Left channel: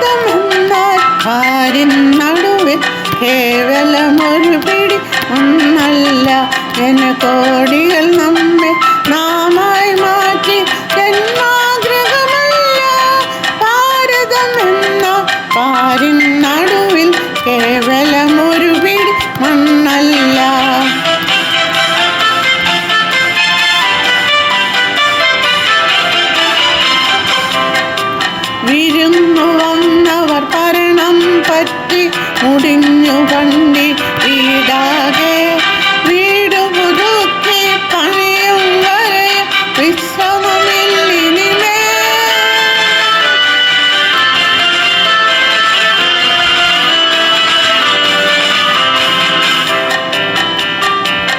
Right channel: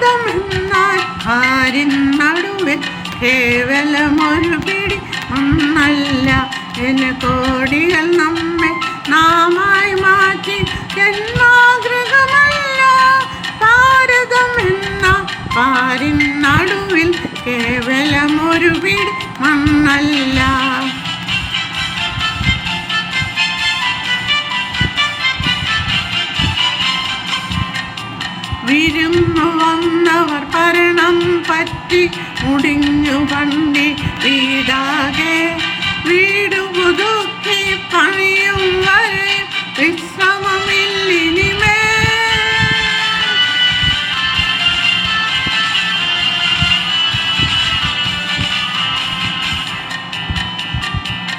ഭാരതം എന്നാൽ പാരിൻ നടുവിൽ കേവലമൊരു പിടി ഒന്നല്ല, ജനകോടികൾ നമ്മെ നാമായി മാറ്റി ജന്മാഗ്രഹമല്ല. ഭാരതം എന്നാൽ പാരിൻ നടുവിൽ കേവലമൊരു പിടി മണ്ണല്ല. വിരുന്നു വന്നവർ ഭരണം പറ്റി മുടിഞ്ഞു പണ്ടി വീടാകെ, വീട് പുതുക്കി പണിയും വരെ വിശ്രമമില്ലിനിമേ.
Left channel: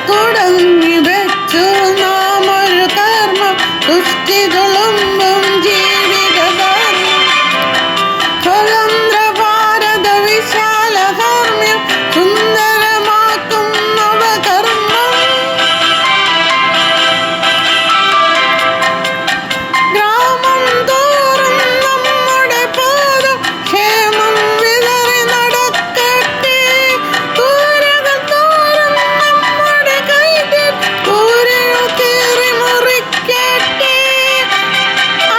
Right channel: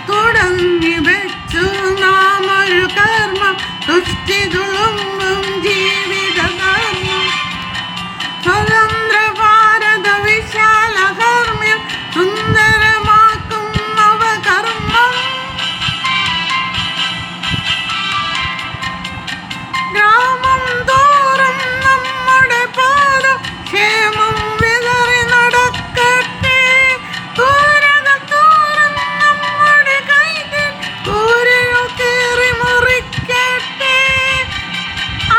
തുടങ്ങി വെച്ചു നാം ഒരു കർമ്മം, ദുഷ്ടി തുളുമ്പും ജീവിതധർമ്മം. സ്വതന്ത്ര ഭാരത വിശാല കർമ്മ്യം സുന്ദരമാക്കും നവകർമ്മം. ഗ്രാമം തോറും നമ്മുടെ പാദം ക്ഷേമം വിതറി നടക്കട്ടെ. കൂരകൾ തോറും നമ്മുടെ കൈകൾ കൂരയോ കീറി മുറിക്കട്ടെ.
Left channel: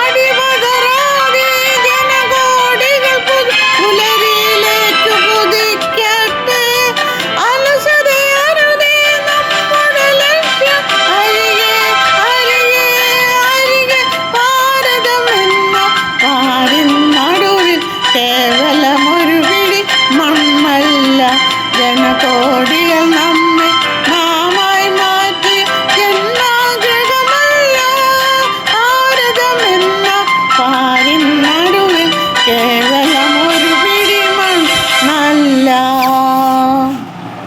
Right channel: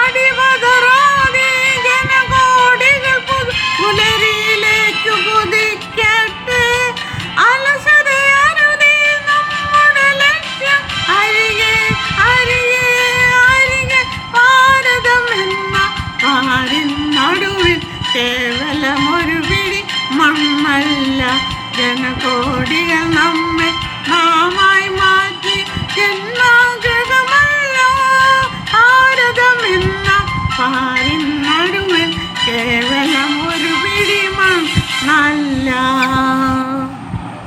അടിപതറാതെ ജനകോടികൾ പുലരിയിലേക്ക് കുതിക്കട്ടെ. അലസതയരുതേ നമ്മുടെ ലക്ഷ്യം അരികെ അരികെ അരികെ. ഭാരതം എന്ന പാരിൻ നടുവിൽ കേവലമൊരു പിടി മണ്ണല്ല, ജനകോടികൾ നമ്മെ നാമായി മാറ്റി ജന്മാഗ്രഹമല്ല. ഭാരതം എന്ന പാരിൻ